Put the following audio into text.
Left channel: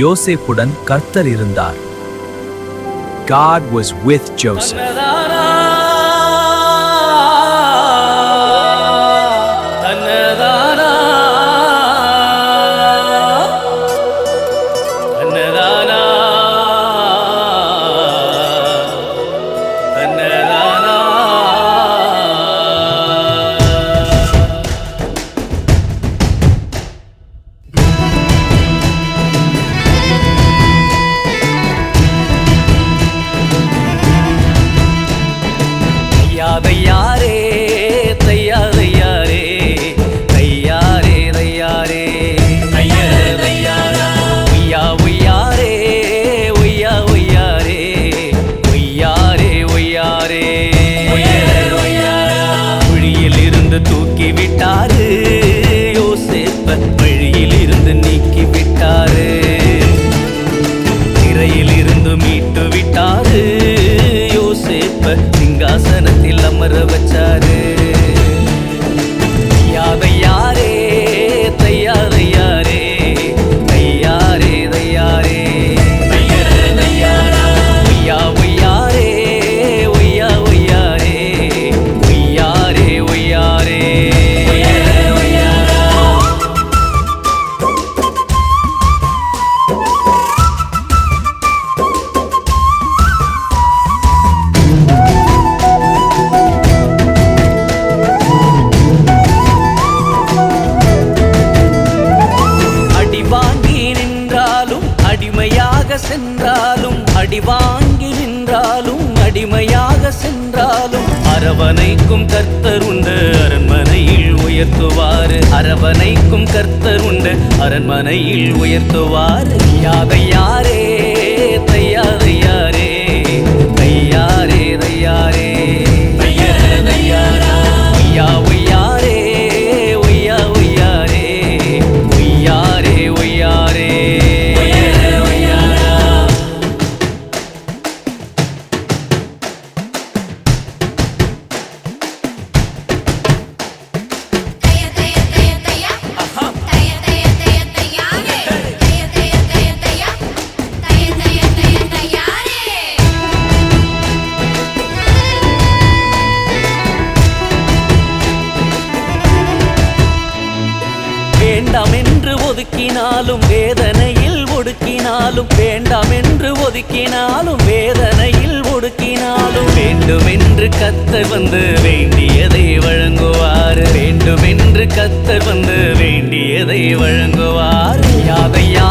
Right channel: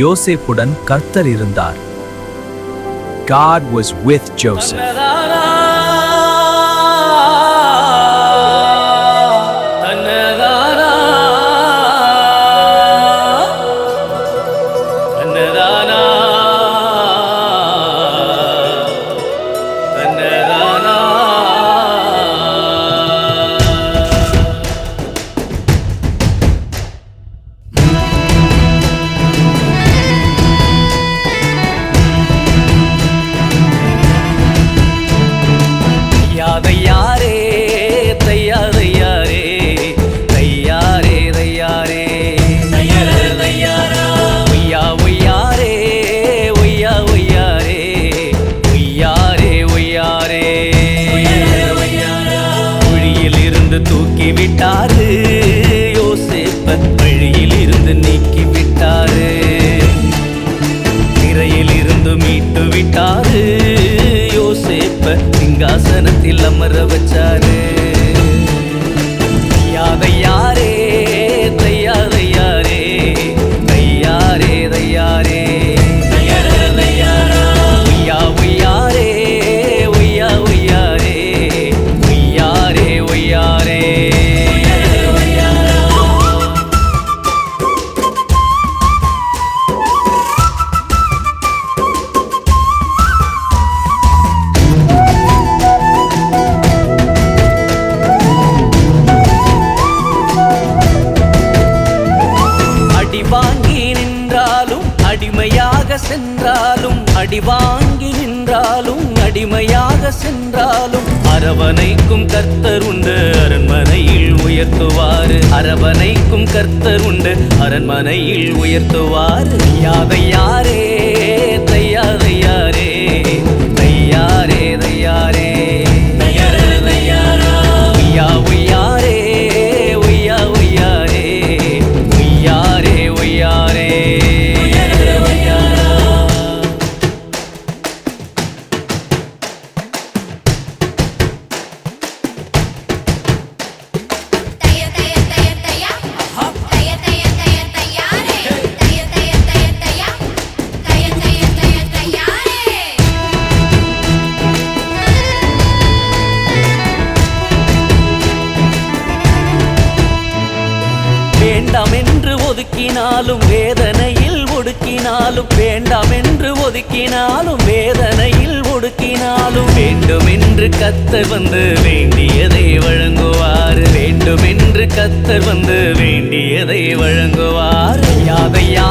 யோசேப்புடன் கர்த்தர் இருந்தார். God was with Joseph. தையாரே தையாரே தையாரே தையாரே ஒய்யா ஒய்யாரே ஒய்யா ஒய்யாரே ஒய்யாரே ஒய்யாரே குழியில் இருந்து தூக்கி விட்டாரு யோசேப்ப வழியில் இருந்து நீக்கி விட்டாரு திரையில் இருந்து மீட்டு விட்டாரு யோசேப்ப சிங்காசனத்தில் அமர வச்சாரு. தையாரே தையாரே தையாரே தையாரே ஒய்யா ஒய்யாரே ஒய்யா ஒய்யாரே ஒய்யாரே ஒய்யாரே அடிமையாக சென்றாலும் அடி வாங்கி நின்றாலும் அடிமையாக சென்றாலும் அரவணைக்கும் கர்த்தர் உண்டு அரண்மனையில் உயர்த்துவாரு அரவணைக்கும் கர்த்தர் உண்டு அரண்மனையில் உயர்த்துவாரு. தையாரே தையாரே தையாரே தையாரே ஒய்யா ஒய்யாரே ஒய்யா ஒய்யாரே ஒய்யாரே ஒய்யாரே வேண்டாம் என்று ஒதுக்கினாலும் வேதனையில் ஒடுக்கினாலும் வேண்டாம் என்று ஒதுக்கினாலும் வேதனையில் ஒடுக்கினாலும் வேண்டும் என்று கர்த்தர் வந்து வேண்டியதை வழங்குவார் வேண்டும் என்று கர்த்தர் வந்து வேண்டியதை வழங்குவார். யாதையா